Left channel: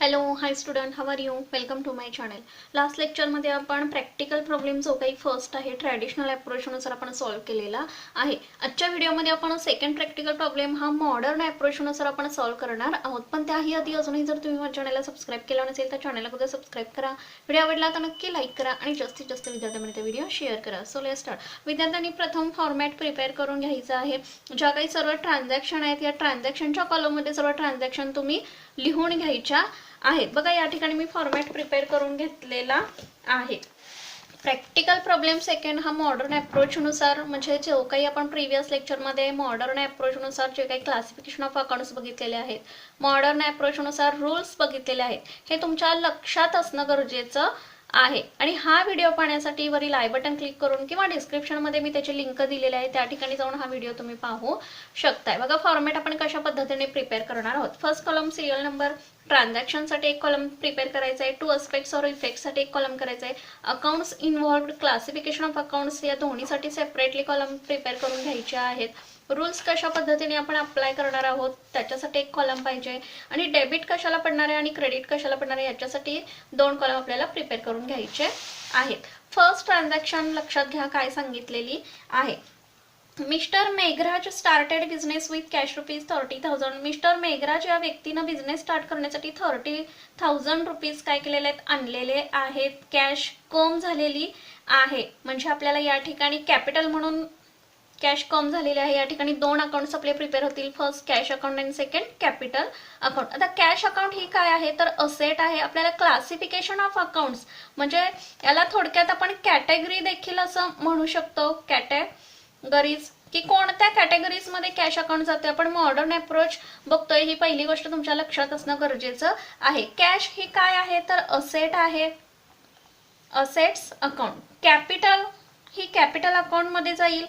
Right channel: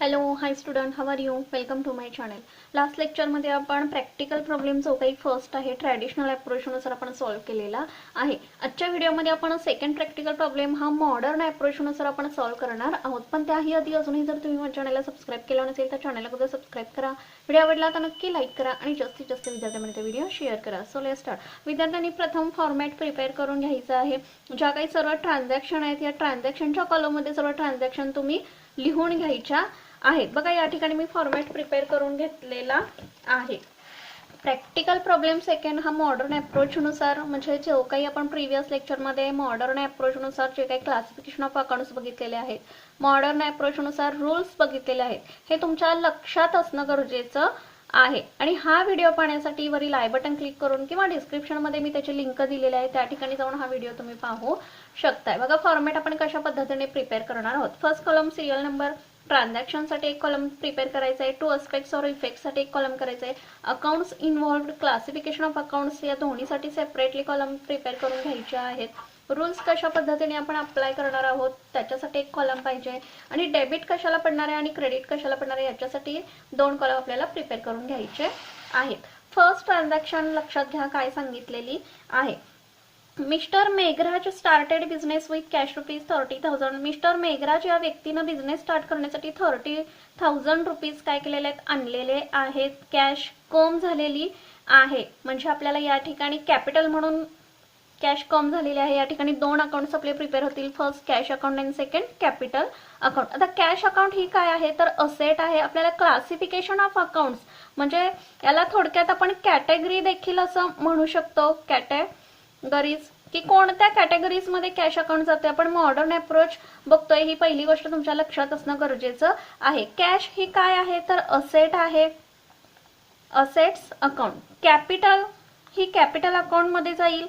Hello hi student, how are you? Welcome to my channel. Last लेक्चरमध्ये आपण practical problem जो काही first आहे ट्रॅडिशनल अप्रोचनुसार आपण सॉल्व्ह केलेला आहे. आजच्या व्हिडिओमध्ये आपण सेकंड प्रॅक्टिकल प्रॉब्लेम हा मॉडर्न अप्रोचनुसार आपण सॉल्व्ह करणार आहोत. पण त्याही आधी अजूनही जर तुम्ही माझ्या चॅनलला सबस्क्राईब केला नसेल तर चॅनलला कुठे सबस्क्राईब करा. व्हिडिओ आवडला तर नक्की लाईक करा आणि जास्तीत जास्त विद्यार्थ्यांमध्ये व्हिडिओ शेअर करा. So let's start. विद्यार्थ्यांनी प्रथम फॉर्मॅट प्रिपेअर करून घ्यायचा आहे. ज्या काही सर्व ट्रान्झॅक्शन आहेत या ट्रान्झॅक्शनच्या कॉलममध्ये सर्व ट्रान्झॅक्शन तुम्ही लिहून घ्यायच्या आहेत. बघा या ठिकाणी मी फॉर्मॅट प्रिपेअर करून घेतलेला आहे. प्रॅक्टिकल प्रॉब्लेम सेकंड हा मॉडर्न अप्रोचनुसार म्हणजे जो काही आपण प्रिव्हियस लेक्चरमध्ये मॉडर्न अप्रोचनुसार जे काही क्लासिफिकेशन ऑफ अकाउंट्स बघितलेले आहेत, मॉडर्न अप्रोचनुसार रूल्स बघितलेले आहेत, हे तुमच्या लक्षात असणं गरजेचं आहे. आणि हा व्हिडिओ पाहण्यासाठी वरील आय बटन क्लिक करून किंवा डिस्क्रिप्शनमध्ये मी त्याची लिंक दिलेली आहे त्या ठिकाणी जाऊन हा व्हिडिओ तुम्ही पाहू शकताय. बघा फॉर्मॅट आपण कशा पद्धतीने प्रिपेअर करणार आहोत. फर्स्ट कॉलम सिरियल नंबर, ट्रान्झॅक्शनसाठी एक कॉलम प्रिपेअर करायचा आहे. टू अस्पेक्ट्स और इफेक्ट्ससाठी एक कॉलम करायचा आहे. Accounts involved, classification of accounts या दोन्हीसाठी सेपरेटली कॉलम प्रिपेअर करून घ्यायचे आहेत. रूल्स कशा पद्धतीने आपण अप्लाय करणार आहोत त्याच्यासाठी एक कॉलम पाहिजे. आणि डेबिट कशाला पडणार आहे आणि क्रेडिट कशाला पडणार आहे याच्यासाठी दोन कॉलम आपल्याला प्रिपेअर करून घ्यायचे आहेत. फर्स्ट ट्रान्झॅक्शन लक्षात घ्या काय सांगितलेली आहे. Mister Meghraj started business with cash ₹30,000. Mister Meghraj या व्यक्तीनं बिझनेस स्टार्ट करण्यासाठी ₹30,000 काय केलेले आहेत, आणलेले आहेत. कॅश कम झालेली आहे म्हणजे आपल्याला या ठिकाणी कॅपिटल म्हणून कॅश कम झालेली आहे. या ठिकाणी दोन अकाउंट्स आपले प्रिपेअर होतील. फर्स्ट कॅश अकाउंट आणि सेकंड कॅपिटल अकाउंट. आता कॅश अकाउंट ही काय आहे तर असेट आहे. आपल्याला क्लासिफिकेशन ऑफ अकाउंट्स म्हणजे याला थोडक्यात आपण कॅटेगरी देखील असं म्हणू शकतो. कॅटेगरीज की कोणत्या कॅटेगरीज मध्ये कॅश अकाउंट जाते आपण मॉडर्न अप्रोच बघतोय. ही पहिली गोष्ट तुमच्या लक्षात असणं गरजेचं आहे. कॅश ही काय आहे तर असेट आहे, असेट्स अकाउंट. कॅपिटल ही कॅपिटल अकाउंट मध्ये जाईल.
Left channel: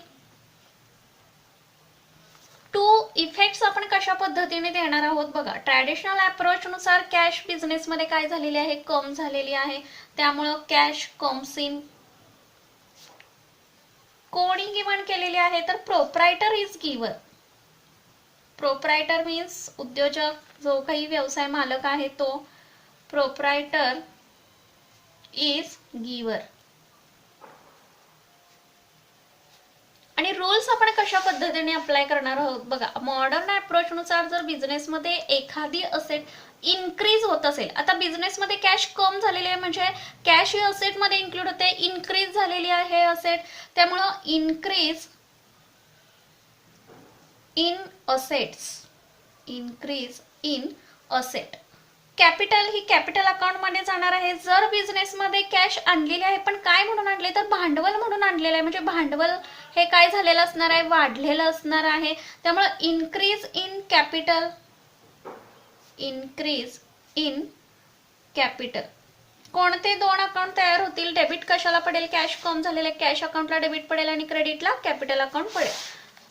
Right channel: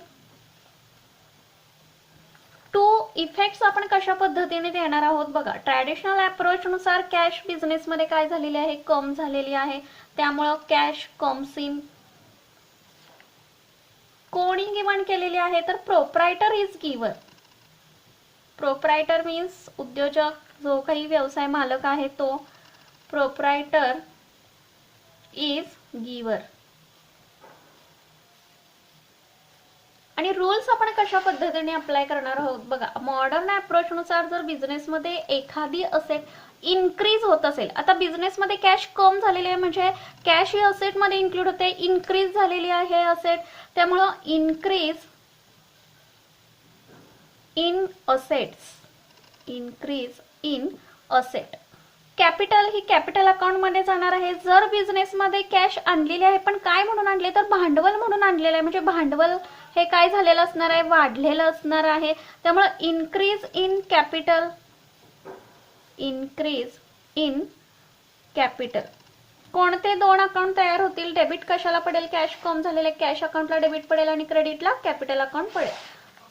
टू इफेक्ट्स आपण कशा पद्धतीने देणार आहोत बघा. ट्रॅडिशनल अप्रोच नुसार कॅश बिझनेस मध्ये काय झालेली आहे, कम झालेली आहे. त्यामुळं कॅश कम्स इन. कोणी गिवन केलेली आहे तर प्रोप्रायटर इज गिवर. प्रोप्रायटर मीन्स उद्योजक, जो काही व्यवसाय मालक आहे तो. प्रोप्रायटर इज गिवर. आणि रूल्स आपण कशा पद्धतीने अप्लाय करणार आहोत बघा. मॉडर्न अप्रोच नुसार जर बिझनेसमध्ये एखादी असेट इन्क्रीज होत असेल, आता बिझनेसमध्ये कॅश कम झालेली आहे म्हणजे कॅश ही असेट मध्ये इन्क्लूड होते. इन्क्रीज झालेली आहे असेट, त्यामुळं increase in assets. Increase in asset. Capital he capital account मध्ये जाणार आहे. जर बिझनेस मध्ये कॅश आणलेली आहे पण काय म्हणून आणले तर भांडवल म्हणून आणलेलं आहे म्हणजे भांडवल हे काय झालेलं असणार आहे, वाढलेलं असणार आहे. त्यामुळे increase in capital. Increase in capital. कोणते दोन अकाउंट तयार होतील. डेबिट कशाला पडेल, कॅश कम झालेले कॅश अकाउंटला डेबिट पडेल आणि क्रेडिटला कॅपिटल अकाउंट पडेल.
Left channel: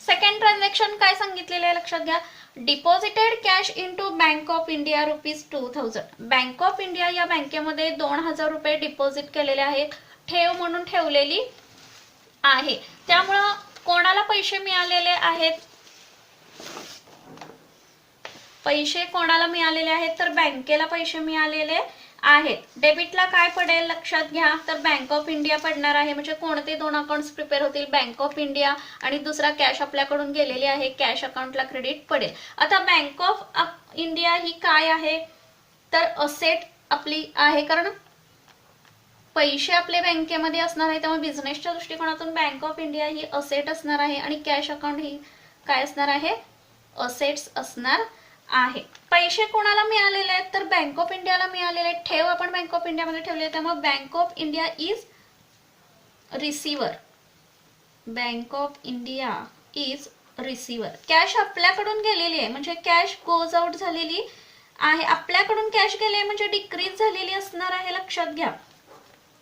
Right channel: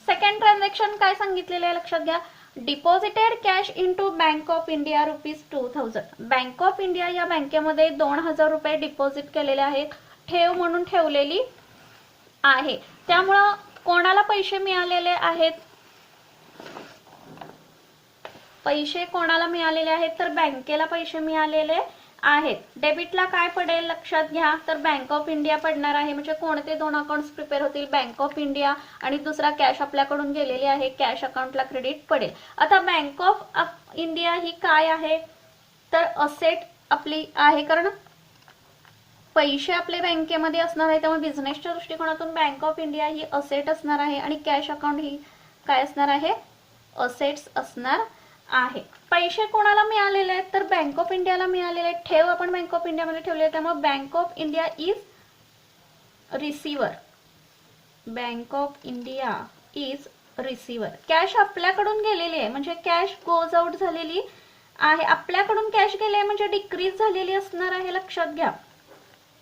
सेकंड ट्रान्झॅक्शन काय सांगितलेले आहे लक्षात घ्या. Deposited cash into bank of India ₹2,000. Bank of India या बँकेमध्ये ₹2,000 डिपॉझिट केलेले आहेत, ठेव म्हणून ठेवलेली आहे. त्यामुळं कोणाला पैसे मिळालेले आहेत, पैसे कोणाला मिळालेले आहेत तर बँकेला पैसे मिळालेले आहेत. डेबिटला काय पडेल लक्षात घ्या तर बँक ऑफ इंडिया पडणार आहे. म्हणजे कोणते दोन अकाउंट्स प्रिपेअर होतील, बँक ऑफ इंडिया आणि दुसरा कॅश आपल्याकडून गेलेली आहे, कॅश अकाउंटला क्रेडिट पडेल. आता बँक ऑफ इंडिया ही काय आहे तर असेट आपली आहे कारण पैसे आपले बँकेमध्ये असणार आहे. त्यामुळे बिझनेसच्या दृष्टिकोनातून bank of India he asset असणार आहे आणि कॅश अकाउंट ही काय असणार आहे, असेट्स असणार आहे. पैसे कोणाला मिळालेले आहेत तर बँक ऑफ इंडियाला मिळालेले आहेत. ठेव आपण बँक ऑफ इंडिया मध्ये ठेवली आहे त्यामुळे bank of India is receiver. Bank of India is receiver. Cash आपल्याकडून गेलेली आहे म्हणजे कॅश गोज आउट झालेली आहे. आपल्याकडून कॅश गेले म्हणजे डिक्रीज झालेली असणार आहे, लक्षात घ्या.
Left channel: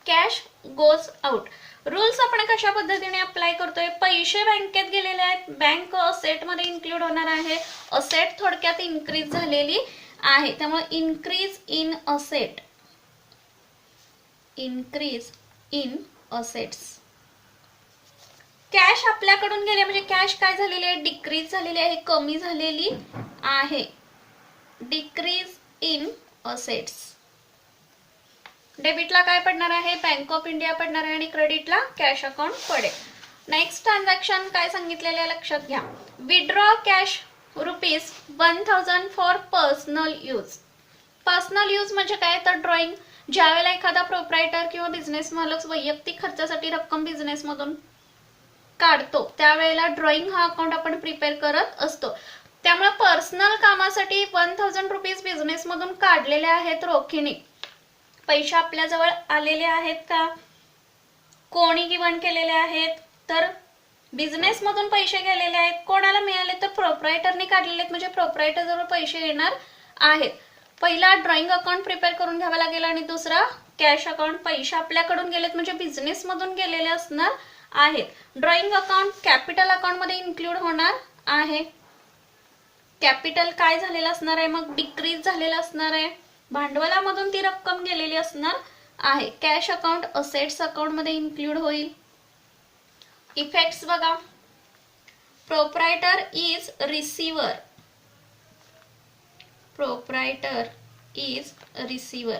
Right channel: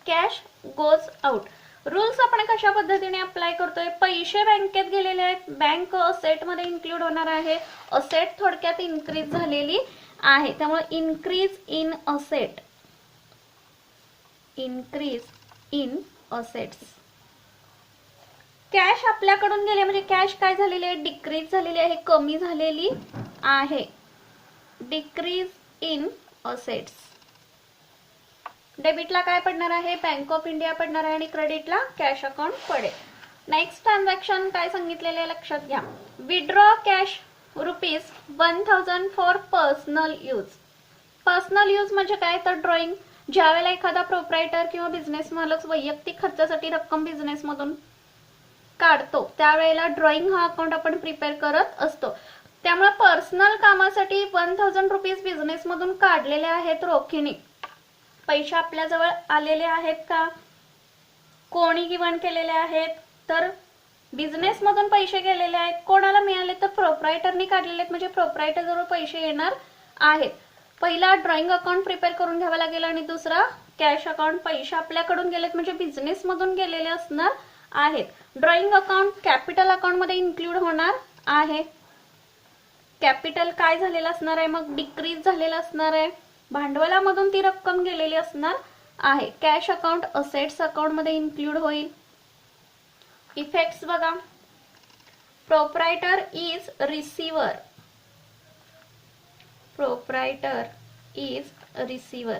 Cash goes out. रूल्स आपण कशा पद्धतीने अप्लाय करतोय. पैसे बँकेत गेलेले आहेत, बँक असेट मध्ये इन्क्लूड होणार आहे. असेट थोडक्यात इन्क्रीज झालेली आहे त्यामुळे increase in asset. Increase in assets. Cash आपल्याकडून गेले म्हणजे कॅश काय झालेली आहे, डिक्रीज झालेली आहे, कमी झालेली आहे. Decrease in assets. डेबिटला काय पडणार आहे, बँक ऑफ इंडिया पडणार आहे आणि क्रेडिटला कॅश अकाउंट पडेल. नेक्स्ट ट्रान्झॅक्शन काय सांगितलेलं आहे लक्षात घ्या. Withdraw cash ₹1000 for personal use. Personal use म्हणजे काय तर ड्रॉइंग. ज्यावेळेला एखादा प्रोप्रायटर किंवा बिझनेस मालक वैयक्तिक खर्चासाठी रक्कम बिझनेस मधून काढतो त्यावेळेला ड्रॉइंग हा अकाउंट आपण प्रिपेअर करत असतो. त्यामुळे पर्सनल कामासाठी ₹1000 बिझनेस मधून काढलेले आहेत रोखीने. पैसे आपल्याजवळ आलेले आहेत का, कोणी गिवन केलेले आहेत, तर बिझनेस मधून पैसे गेलेले आहेत. कोणाला मिळाले तर प्रोप्रायटरने काढलेले आहेत म्हणजे प्रोप्रायटर जवळ पैसे येणार आहेत. पहिला ड्रॉइंग अकाउंट प्रिपेअर करून घ्यावा लागेल आणि दुसरा कॅश अकाउंट. पैसे आपल्याकडून गेलेत म्हणजे बिझनेस मधून गेलेले असणार आहेत. ड्रॉइंग अकाउंट कॅपिटल अकाउंट मध्ये इन्क्लूड होणार आहे. कॅपिटल काय झालेलं असणार आहे, मग डिक्रीज झालेलं असणार आहे. भांडवलामधून ती रक्कम गेलेली असणार आहे. कॅश अकाउंट असेट्स अकाउंट मध्ये इन्क्लूड होईल. इफेक्ट्स बघा. Proprietor is receiver. Proprietor is receiver.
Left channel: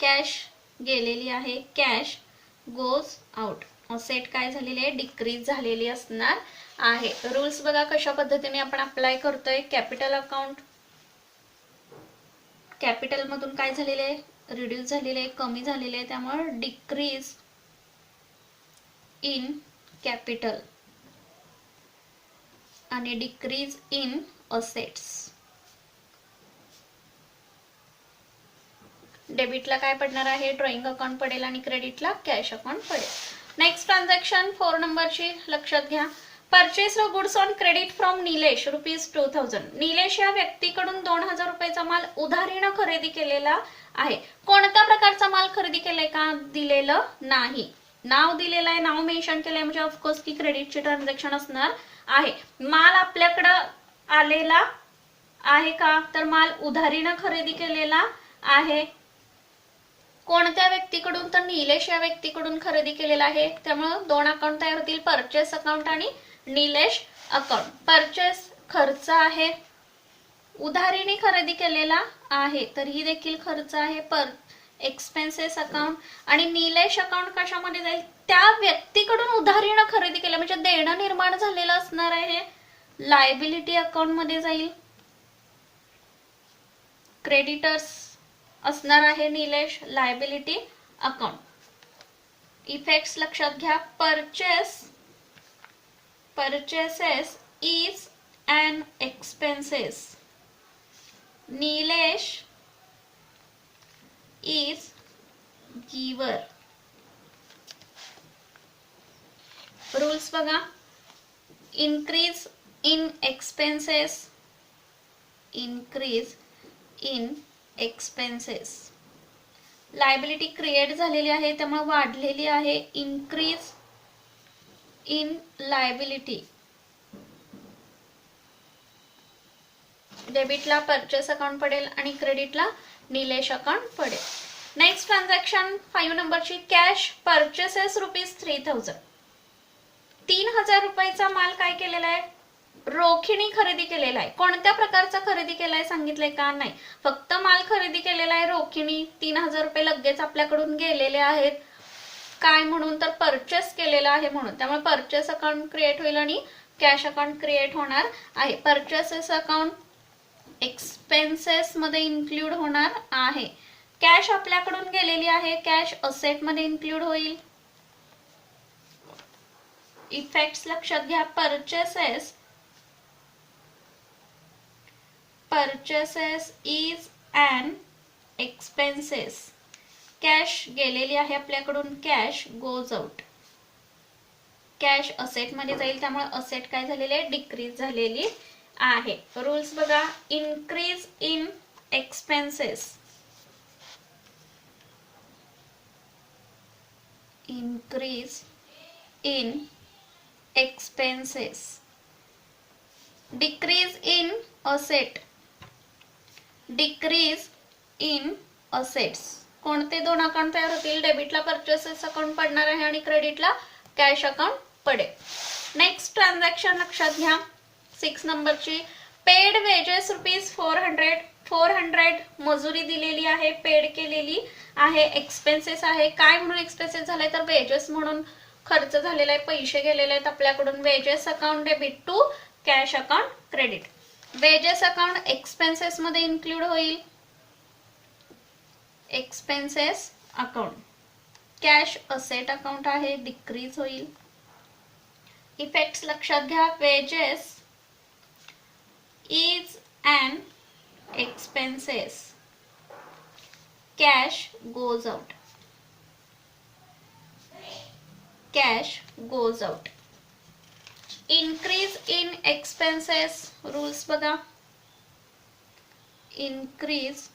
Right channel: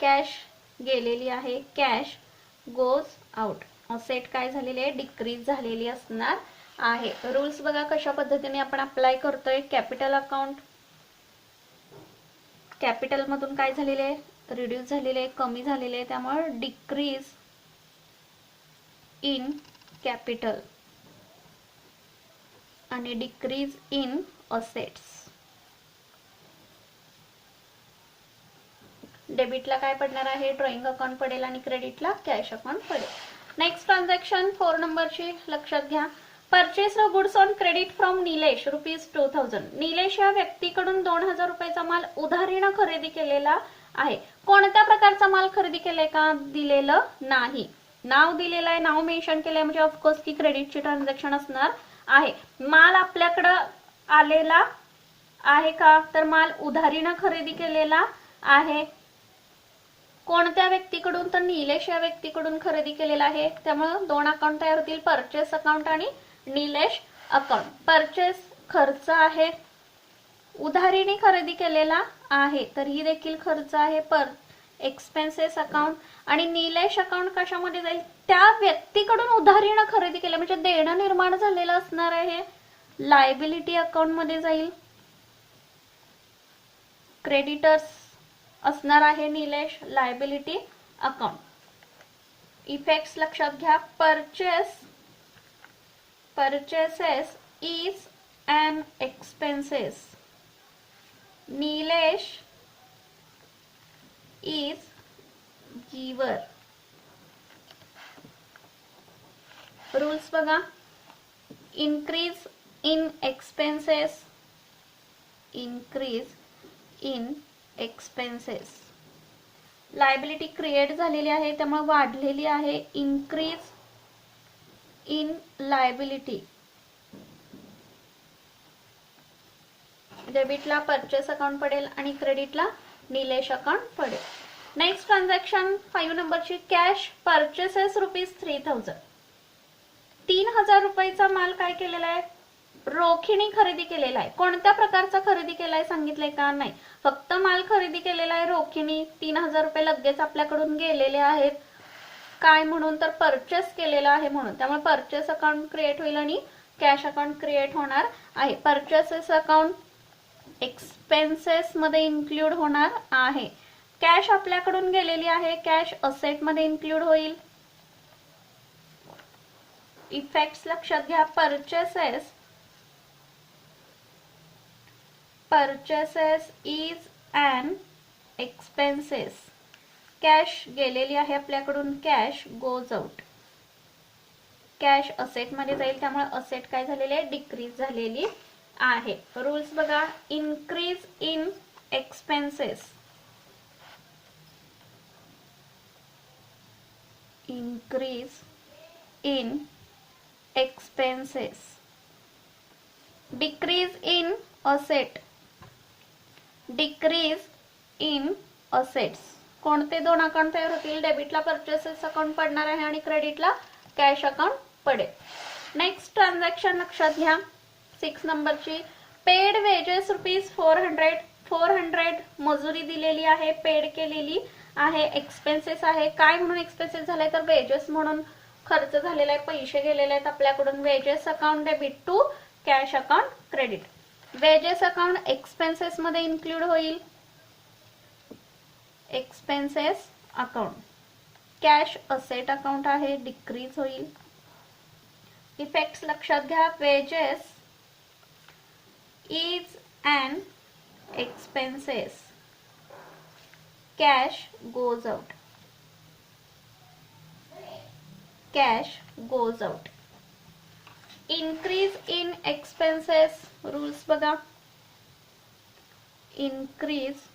Cash गेलेली आहे, कॅश गोज आउट. असेट काय झालेली आहे, डिक्रीज झालेली असणार आहे. रूल्स बघा कशा पद्धतीने आपण अप्लाय करतोय. कॅपिटल अकाउंट, कॅपिटल मधून काय झालेले आहे, रिड्यूस झालेले आहे, कमी झालेले आहे. त्यामुळे डिक्रीज इन कॅपिटल आणि डिक्रीज इन असेट्स. डेबिटला काय पडणार आहे, ड्रॉइंग अकाउंट पडेल आणि क्रेडिटला कॅश अकाउंट पडेल. नेक्स्ट ट्रान्झॅक्शन 4 नंबरची लक्षात घ्या. Purchase goods on credit from Nilesh ₹2000. Nilesh या व्यक्तीकडून ₹2000 माल उधारीनं खरेदी केलेला आहे. कोणत्या प्रकारचा माल खरेदी केलाय का दिलेलं नाही. नाव दिलेलं आहे, नाव मेन्शन केलंय म्हणजे ऑफकोर्स की क्रेडिटची ट्रान्झॅक्शन असणार आहे. माल आपल्याकडं आलेला आहे का, तर माल उधारीनं खरेदी केलेला आहे. कोणत्या व्यक्तीकडून, तर निलेश या व्यक्तीकडून खरेदी केलेला आहे. त्यामुळे 2 अकाउंट तयार होतील, परचेस अकाउंट आणि निलेश अकाउंट. परचेस खर्च आहे, उधारीने खरेदी केलेला आहे तर ही देखील खर्च आहे, एक्सपेन्सेस अकाउंट. आणि निलेश अकाउंट कशामध्ये जाईल, त्या व्यक्तीकडून उधारीने खरेदी केलं म्हणजे देणं निर्माण झालेलं असणार आहे, लायबिलिटी अकाउंट मध्ये जाईल. क्रेडिटर्स असणार आहे निलेश, लायबिलिटी अकाउंट. इफेक्ट्स लक्षात घ्या. Purchases is an expenses. Nilesh is giver. Rules बघा. increase in expenses, increase in expenses. Liability create झालेली आहे त्यामुळे वाढलेली आहे, increase in liability. डेबिटला परचेस अकाउंट पडेल आणि क्रेडिटला निलेश अकाउंट पडेल. नेक्स्ट ट्रान्झॅक्शन 5 नंबरची. Cash purchases ₹3000. ₹3000 माल काय केलेला आहे, रोखीने खरेदी केलेला आहे. कोणत्या प्रकारचा खरेदी केलाय सांगितलंय का, नाही, फक्त माल खरेदी केलेला आहे रोखीने. ₹3000 लगेच आपल्याकडून गेलेले आहेत. काय म्हणून, तर परचेस केलेला आहे म्हणून. त्यामुळे परचेस अकाउंट क्रिएट होईल आणि कॅश अकाउंट क्रिएट होणार आहे. परचेसेस अकाउंट एक्सपेन्सेस मध्ये इन्क्लूड होणार आहे. कॅश आपल्याकडून गेलेली आहे, कॅश असेट मध्ये इन्क्लूड होईल. इफेक्ट्स लक्षात घ्या. Purchases is an expenses. Cash गेलेली आहे आपल्याकडून, cash goes out. Cash asset मध्ये जाईल त्यामुळे असेट काय झालेली आहे, डिक्रीज झालेली आहे. रूल्स बघा. Increase in expenses, increase in expenses. Decrease in asset, decrease in assets. कोणते 2 अकाउंट तयार होतील, डेबिटला परचेसेस अकाउंट पडणार आहे आणि क्रेडिटला कॅश अकाउंट पडेल. नेक्स्ट ट्रान्झॅक्शन लक्षात घ्या 6 नंबरची. पेड वेजेस ₹400 मजुरी दिलेली आहे, पेड केलेली आहे. एक्सपेन्सेस आहे, काय म्हणून एक्सपेन्सेस झालाय तर वेजेस म्हणून खर्च झालेला आहे, पैसे गेलेले आहेत आपल्याकडून. Wages account debit to cash account credit. Wages account expenses मध्ये इन्क्लूड होईल, expenses account. Cash asset account आहे, डिक्रीज होईल. इफेक्ट्स लक्षात घ्या. Wages is an expenses, cash goes out, cash goes out. Increase in expenses, rules बघा. Increase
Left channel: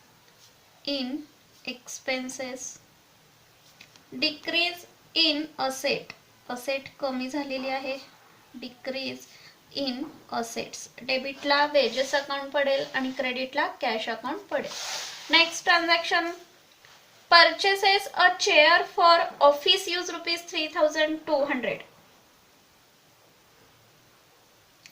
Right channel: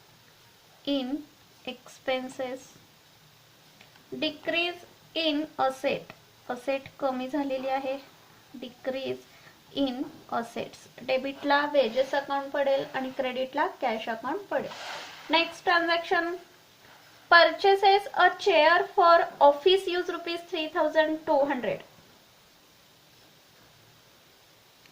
in expenses. Decrease in asset, asset कमी झालेली आहे, decrease इन असेट्स. डेबिटला wedges account पडेल आणि क्रेडिटला कॅश अकाउंट पडेल. Next transaction, purchases a chair for office use ₹3200.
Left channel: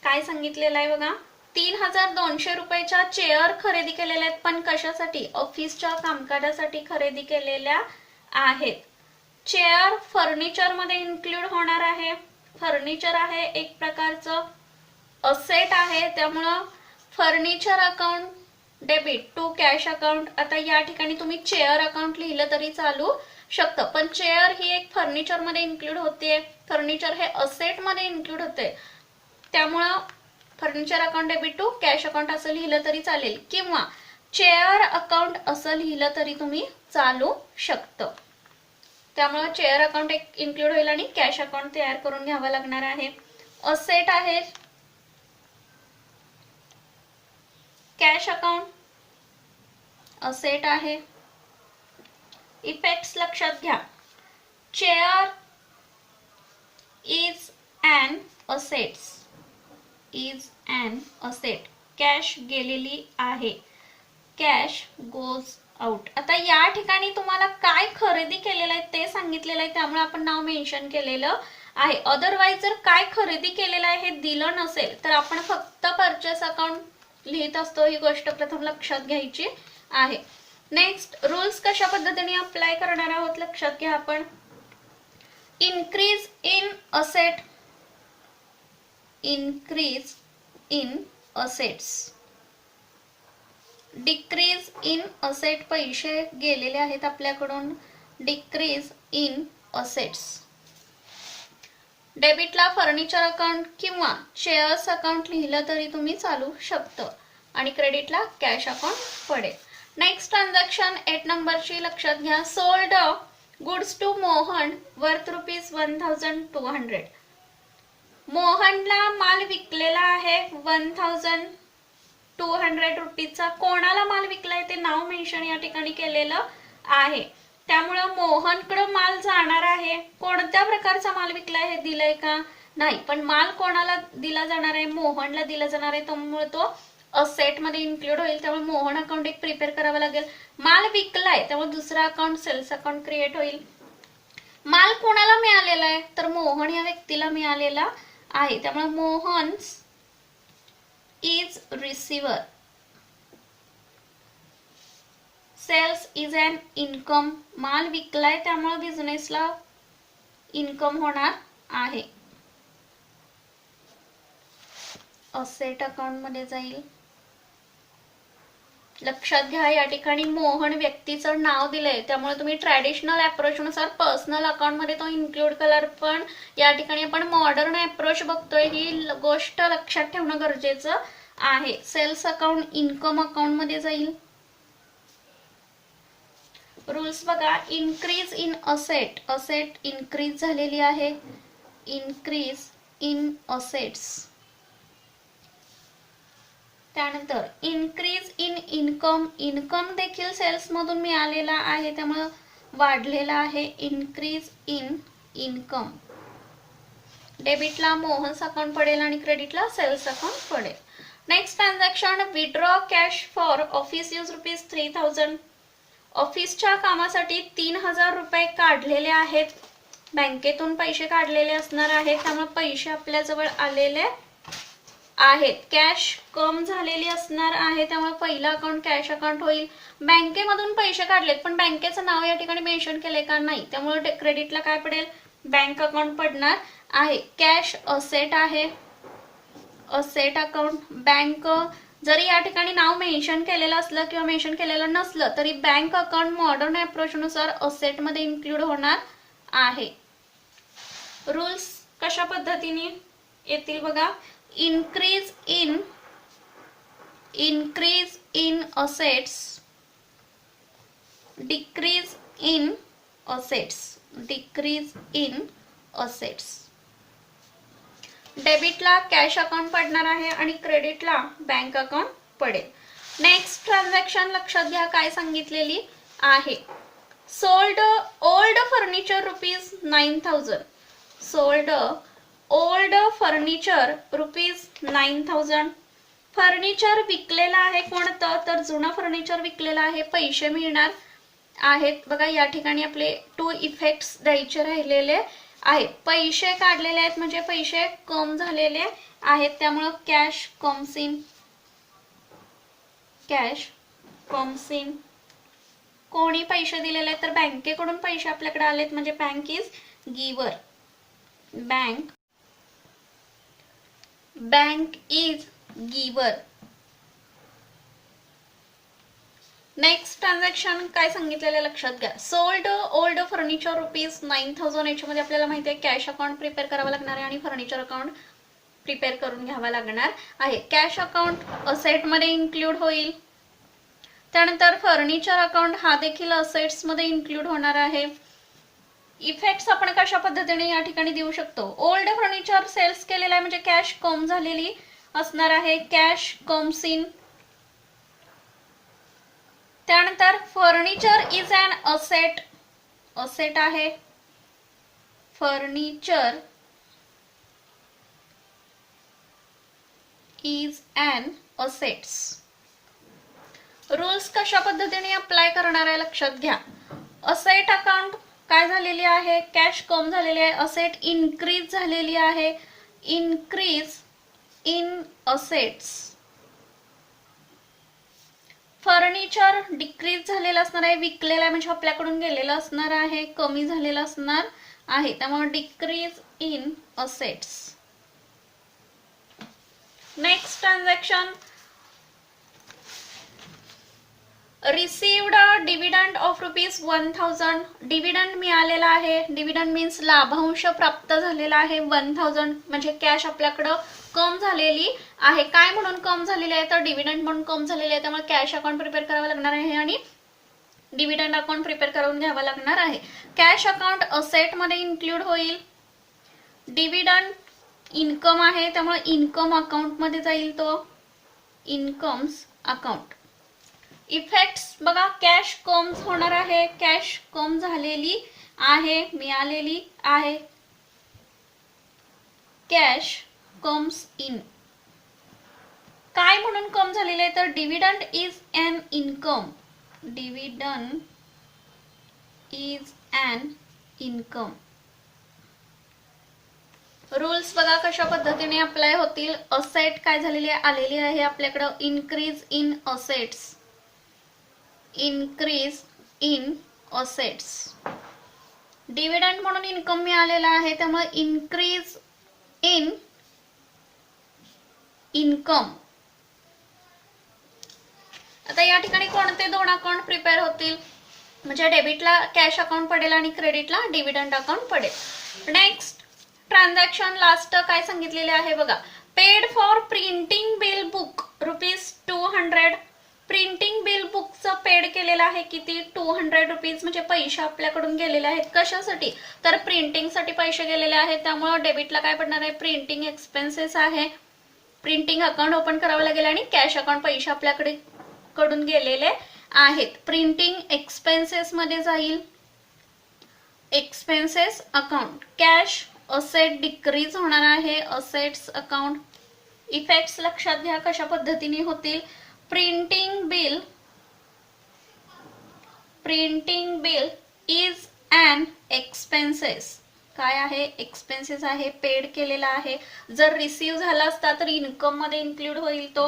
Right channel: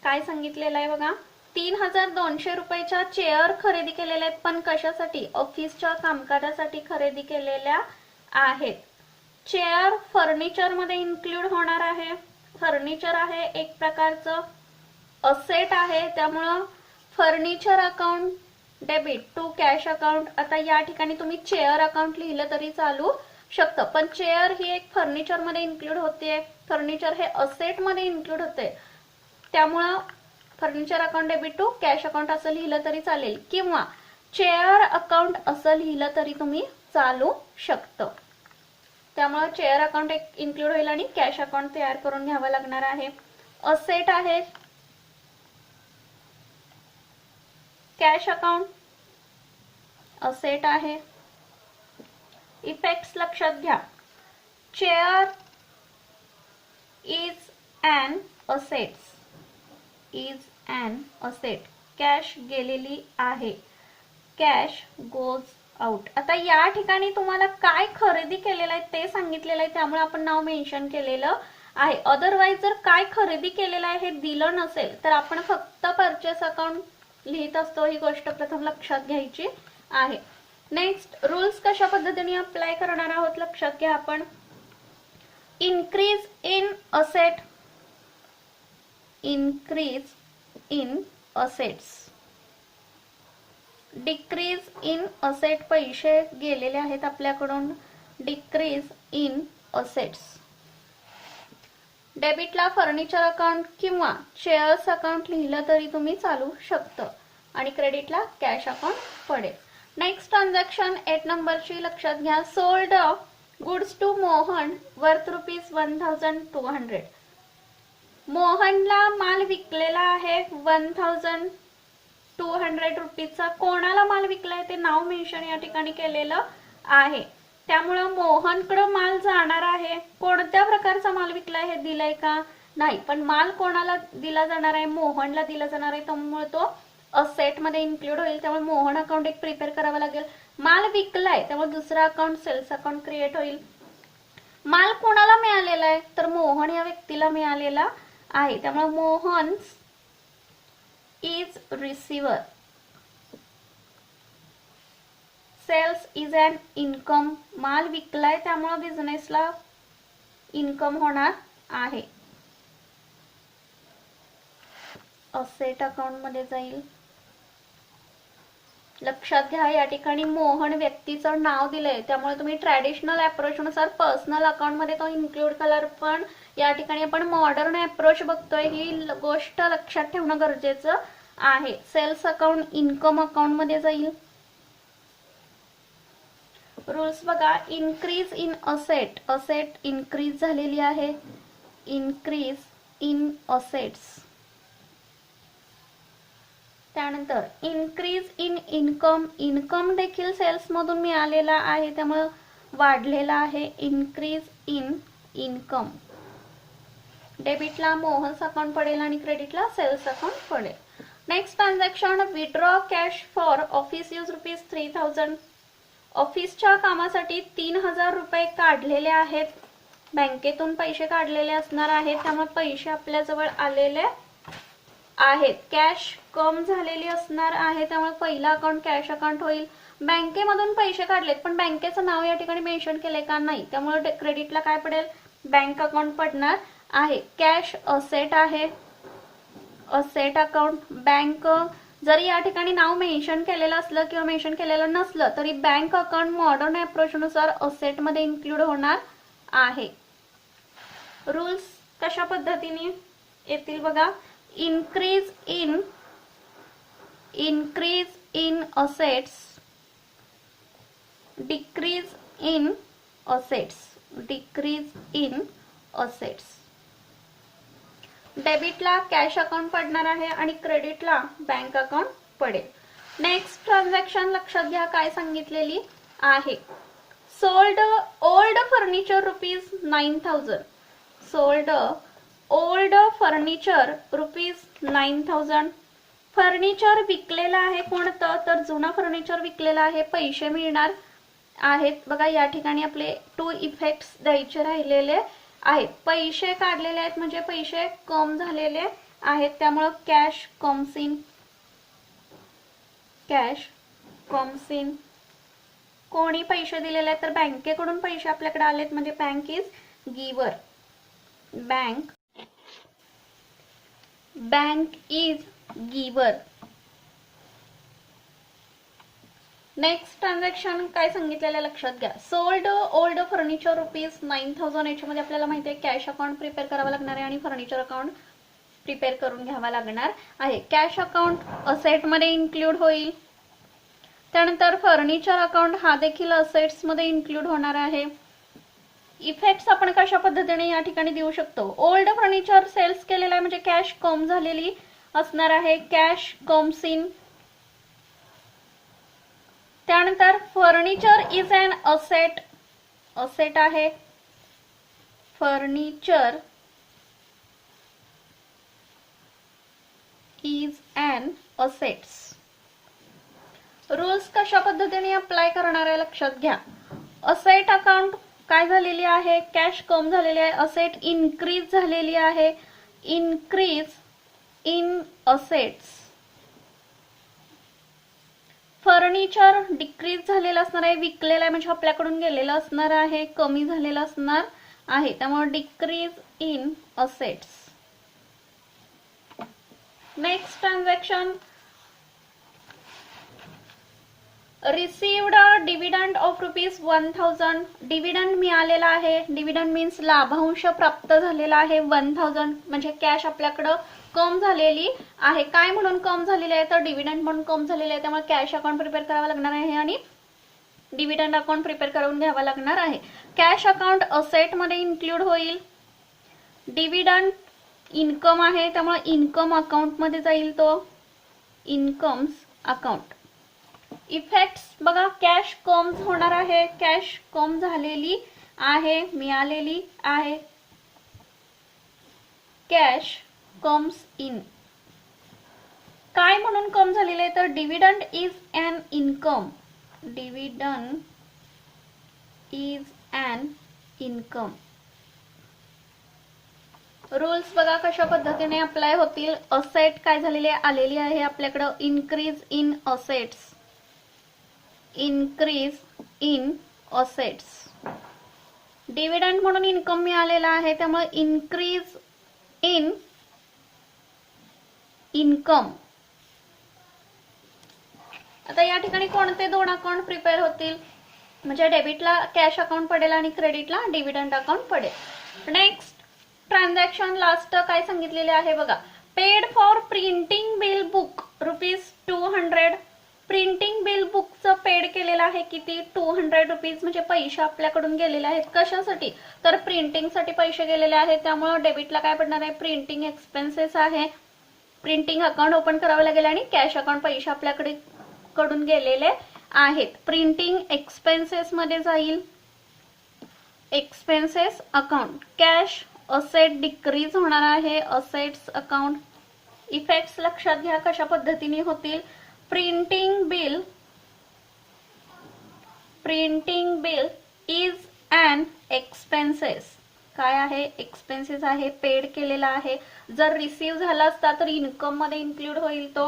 काय सांगितलेलं आहे बघा, ₹3200 चेअर खरेदी केलेल्या आहेत, पण कशासाठी? ऑफिसच्या कामकाजासाठी खरेदी केलेल्या आहेत. चेअर फर्निचर मध्ये इन्क्लूड होणार आहे. फर्निचर आहे एक प्रकारचं असेट आहे, त्यामुळं furniture account debit to cash account. आता या ठिकाणी तुम्ही चेअर अकाउंट लिहिलं तरी चालू शकतं, पण चेअर ही एक फर्निचर मध्ये इन्क्लूड होते, फर्निचर हे असेट मध्ये इन्क्लूड होते, त्यामुळं furniture account debit to cash account असं लिहिलं तरी चालेल, किंवा चेअर अकाउंट असं लिहिलं तरी तुम्ही चालू शकतं. त्यामुळं चेअर अकाउंट एक इन्क्लूड होईल आणि कॅश अकाउंट तयार करून घ्यावं लागणार आहे. असेट आहे, कॅश अकाउंट असेट आहे. इफेक्ट्स लक्षात घ्या. Chair is an assets, is an asset. Cash गेलेली आहे, कॅश गोज आउट. आता या ठिकाणी तुम्हाला काय खरेदी केलेलं आहे ते सांगितलेलं आहे, त्यामुळे आपण नाव मेन्शन केलेलं आहे. अदरवाईज जर काय खरेदी केलेलं आहे हे दिलं नसेल तर आपण फक्त परचेस अकाउंट लिहित असतो, ही गोष्ट प्रथम लक्षात घ्यायची आहे. नेक्स्ट, रूल्स कशा पद्धतीने अप्लाय करणार आहोत लक्षात घ्या आपण. Increase in asset, increase in assets. Decrease in asset, पैसे गेलेले आहेत आपल्याकडून, डिक्रीज इन असेट्स. डेबिटला फर्निचर अकाउंट किंवा शेअर्स अकाउंट लिहिलं तरी तुम्ही चालू शकतं, आणि क्रेडिटला कॅश अकाउंट पडेल. नेक्स्ट ट्रान्झॅक्शन 8 नंबरची लक्षात घ्या. Sold goods to Mohan worth ₹1200. मोहनला माल विकलेला आहे ₹1200. कोणाला माल विकलाय ते नाव मेन्शन या ठिकाणी केलेलं आहे, त्यामुळं मोहनकडे माल जाणार आहे. कोणत्या प्रकारचा माल विकलाय हे दिलंय का? नाही, पण माल कोणाला दिला जाणार आहे? मोहनला दिला जाणार आहे, त्यामुळे तो असेट मध्ये इन्क्लूड होईल. त्यामुळे मोहन अकाउंट एक प्रिपेअर करावं लागेल. माल विकलाय त्यामुळे दुसरा अकाउंट सेल्स अकाउंट क्रिएट होईल. माल कोणाला मिळालेला आहे तर मोहन या व्यक्तीला मिळालेला आहे, त्यामुळे Mohan is receiver. Sales is an income. माल विकलाय त्यामुळे बिझनेसला इन्कम होणार आहे. असेट अकाउंट मध्ये जाईल. लक्षात घ्या या ठिकाणी मोहन व्यक्तीचं नाव दिलंय, त्यामुळे तुम्ही ट्रॅडिशनल अप्रोच नुसार पर्सनल अकाउंट मध्ये तो इन्क्लूड कलर, पण या ठिकाणी आपण मॉडर्न अप्रोच बघतोय, ही गोष्ट लक्षात ठेवणं गरजेचं आहे. सेल्स अकाउंट इन्कम अकाउंट मध्ये जाईल. रूल्स बघा. Increase in asset, asset increase झालेली आहे, इन्क्रीज इन असेट्स. त्यानंतर इन्क्रीज इन इन्कम, इन्कम देखील सेल्स मधून मिळालेला आहे त्यामुळे वाढलेला आहे, इन्क्रीज इन इन्कम. डेबिटला मोहन्स अकाउंट पडेल आणि क्रेडिटला सेल्स अकाउंट पडेल. Next transaction, withdraw cash for office use ₹3000. ऑफिसच्या कामासाठी ₹3000 काढलेले आहेत, बँकेतून पैसे काढलेले असणार आहेत, त्यामुळे पैसे आपल्या जवळ आलेले आहेत, कॅश कम झालेली असणार आहे, त्यामुळे पहिला अकाउंट कॅश अकाउंट होईल. बँकेमधून पैसे काढलेत पण बँकेचं नाव या ठिकाणी मेन्शन केलंय का? नाही, त्यामुळे क्रेडिटला काय पडेल? बँक अकाउंट पडणार आहे. कॅश असेट आहे, असेट अकाउंट. बँक जरी या ठिकाणी नाव मेन्शन केलेलं असलं किंवा मेन्शन केलेलं नसलं तरी बँक अकाउंट मॉडर्न अप्रोच नुसार असेट मध्ये इन्क्लूड होणार आहे. रूल्स कशा पद्धतीने येतील बघा. increase in assets, decrease in assets. डेबिटला कॅश अकाउंट पडणार आहे आणि क्रेडिटला बँक अकाउंट पडेल. नेक्स्ट ट्रान्झॅक्शन लक्षात घ्या काय सांगितलेली आहे. Sold old furniture ₹9,000. Sold old furniture ₹9,000. Furniture विकलेलं आहे कोणतं? तर जुनं फर्निचर विकलेलं आहे, पैसे मिळणार आहेत. बघा या ठिकाणी आपले 2 इफेक्ट्स द्यायचे राहिलेले आहेत. पैसे काढलेले आहेत म्हणजे पैसे कम झालेले आहेत, त्यामुळे कॅश कम्स इन. कोणी पैसे दिलेले आहेत? तर बँकेकडून पैसे आपल्याकडे आलेत म्हणजे bank is giver. Bank is giver. Next transaction काय सांगितलेलं लक्षात घ्या. Sold old furniture ₹9,000. याच्यामध्ये आपल्याला माहिती आहे कॅश अकाउंट प्रिपेअर करावं लागणार आहे आणि फर्निचर अकाउंट प्रिपेअर करून घ्यावा लागणार आहे. कॅश अकाउंट असेट मध्ये इन्क्लूड होईल. त्यानंतर फर्निचर अकाउंट हा देखील असेट्स मध्ये इन्क्लूड होणार आहे. इफेक्ट्स आपण कशा पद्धतीने या ठिकाणी देऊ शकतो. ओल्ड फर्निचर सेल्स केलेला आहे म्हणजे कॅश कम झालेली असणार आहे, कॅश कम्स इन. त्यानंतर furniture is an asset, asset आहे. Furniture is an assets. Rules कशा पद्धतीने अप्लाय करणार आहे लक्षात घ्या. असेट अकाउंट काय झालेली आहे? कॅश कम झालेली आहे. असेट इन्क्रीज झालेली आहे, increase in assets. Furniture decrease झालेलं असणार आहे, विकलेलं आहे म्हणजे आपल्याकडून गेलेलं असणार आहे, कमी झालेलं असणार आहे, त्यामुळे decrease in assets. Next transaction received dividend of ₹1,000. Dividend मिळालेला आहे. डिव्हिडंड मीन्स लाभांश प्राप्त झालेला आहे. 1,000 म्हणजे कॅश आपल्याकडं कम झालेली आहे. काय म्हणून कम झालेली आहे? तर डिव्हिडंड म्हणून कम झालेली आहे, त्यामुळे कॅश अकाउंट प्रिपेअर करावं लागणार आहे आणि डिव्हिडंड अकाउंट प्रिपेअर करून घ्यावं लागणार आहे. कॅश अकाउंट असेट मध्ये इन्क्लूड होईल. डिव्हिडंड इन्कम आहे त्यामुळे इन्कम अकाउंट मध्ये जाईल, तो इन्कम्स अकाउंट. इफेक्ट्स बघा, कॅश कम होणार आहे, कॅश कम झालेली आहे, मिळालेली आहे, कॅश कम्स इन. काय म्हणून कम झालेले आहे? तर dividend is an income. Dividend is an income. Rules बघा कशा पद्धतीने अप्लाय होतील. असेट काय झालेली आलेली आहे आपल्याकडे, increase in assets, increase in assets. Dividend म्हणून इन्कम मिळालेला आहे त्यामुळे इन्क्रीज इन इन्कम. आता या ठिकाणी कोणते 2 अकाउंट प्रिपेअर होतील? म्हणजे डेबिटला कॅश अकाउंट पडेल आणि क्रेडिटला डिव्हिडंड अकाउंट पडेल. नेक्स्ट ट्रान्झॅक्शन लास्ट काय सांगितलेले आहे बघा. Paid for printing bill book ₹200. Printing bill बुकचं पेड केलेलं आहे किती? ₹200 म्हणजे पैसे आपल्याकडून गेलेले आहेत. कशासाठी? तर प्रिंटिंगसाठी पैसे गेलेले आहेत, त्यामुळे डेबिटला काय पडणार आहे? प्रिंटिंग एक्सपेन्सेस आहे. प्रिंटिंग अकाउंट ओपन करावं लागेल आणि कॅश अकाउंट पैसे आपल्याकडे कडून गेलेले आहेत. प्रिंटिंग एक्सपेन्सेस मध्ये जाईल, expenses account. Cash asset decrease होणार आहे, असेट्स अकाउंट. इफेक्ट्स लक्षात घ्या कशा पद्धतीने होतील. Printing bill is an expenses. काय आहे, एक्सपेन्सेस आहे, पेड केलेला आहे. जर रिसीव झाला असता तर इन्कम मध्ये इन्क्लूड होईल तो.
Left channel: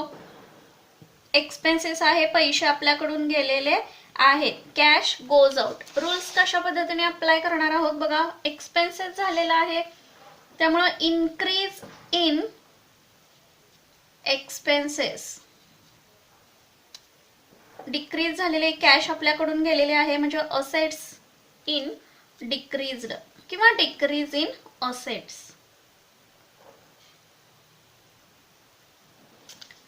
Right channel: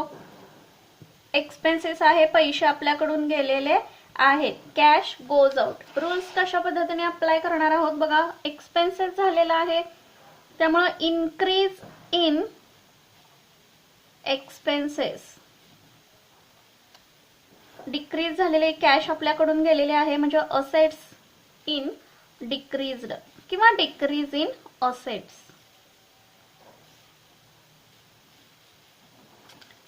एक्सपेन्सेस आहे, पैसे आपल्याकडून गेलेले आहेत. Cash goes out. रूल्स कशा पद्धतीने अप्लाय करणार आहोत बघा. एक्सपेन्सेस झालेला आहे त्यामुळे इन्क्रीज इन एक्सपेन्सेस, डिक्रीज झालेले कॅश आपल्याकडून गेलेले आहे म्हणजे असेट्स इन डिक्रीज्ड किंवा डिक्रीज इन असेट्स.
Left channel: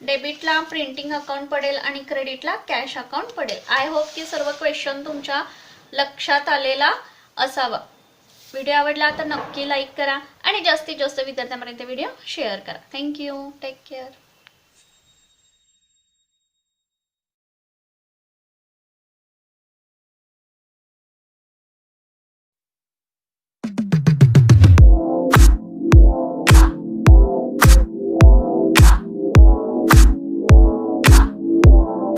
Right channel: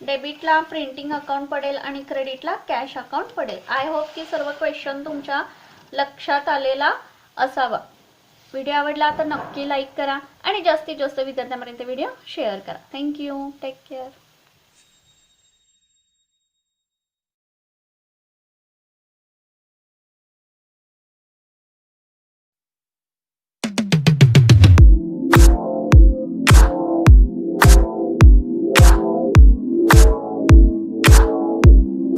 डेबिटला प्रिंटिंग अकाउंट पडेल आणि क्रेडिटला कॅश अकाउंट पडेल. आय होप की सर्व क्वेश्चन तुमच्या लक्षात आलेला असावा. व्हिडिओ आवडला तर नक्की लाईक करा आणि जास्तीत जास्त विद्यार्थ्यांपर्यंत व्हिडिओ शेअर करा. थँक्यू. Take care.